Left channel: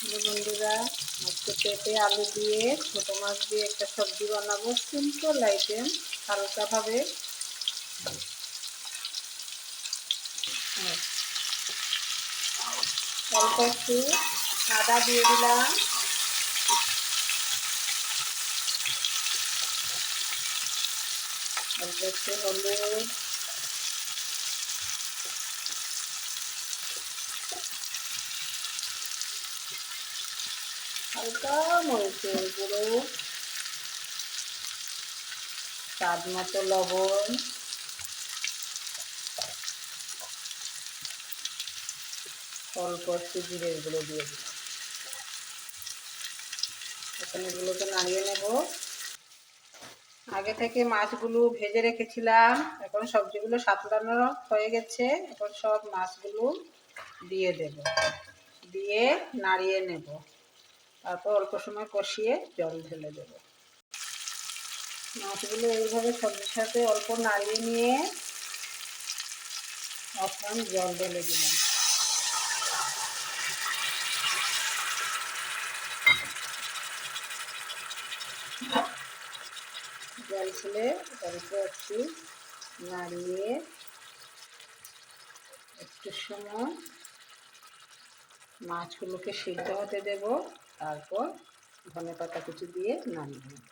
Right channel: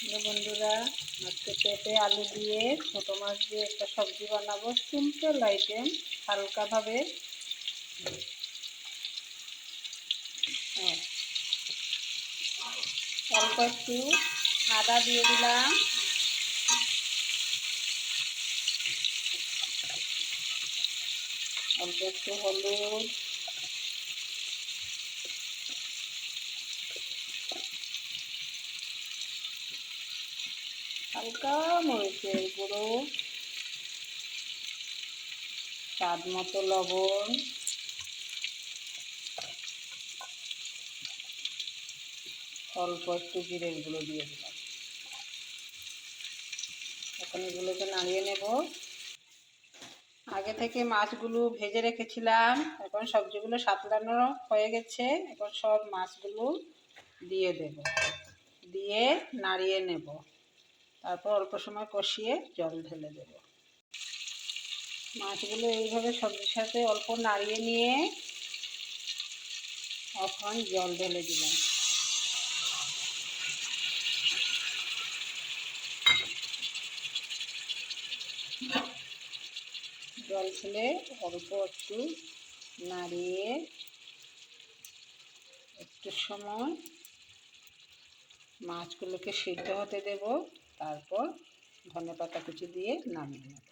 বন্ধুরা, আজকে পেঁপে আলু দিয়ে ছোটো মাছ দিয়ে একটা সবজি বানাবো। সিম্পল আইটেম, হালকাভাবে। অল্প একটু আদা দিয়ে দিলাম, অল্প একটু হলুদ, হালকা মরিচের গুঁড়ো, স্বাদ মতো লবণ, অল্প একটু জিরের গুঁড়ো দিয়ে দিলাম। এখন এগুলোকে নাড়িয়ে নেব। আগে থেকে মাছগুলো ভেজে রেখেছিলাম, এখন সবজিগুলো সাঁতলানো হয়ে গেছে। এখন সব মাছগুলো দিয়ে দেব, দিয়ে নাড়িয়ে নেব। তারপর অল্প সময় কষিয়ে জল ঢেলে দেব। মাছগুলো এইভাবে সবজির সাথে অল্প নাড়িয়ে নিয়ে এখন জল ঢেলে দিলাম। জল ঢেলে অল্প একটু নাড়িয়ে একটু সময় মাছগুলোকে সিদ্ধ হতে দেব। তারপর ধনেপাতা কুচি দিয়ে নামিয়ে নেব।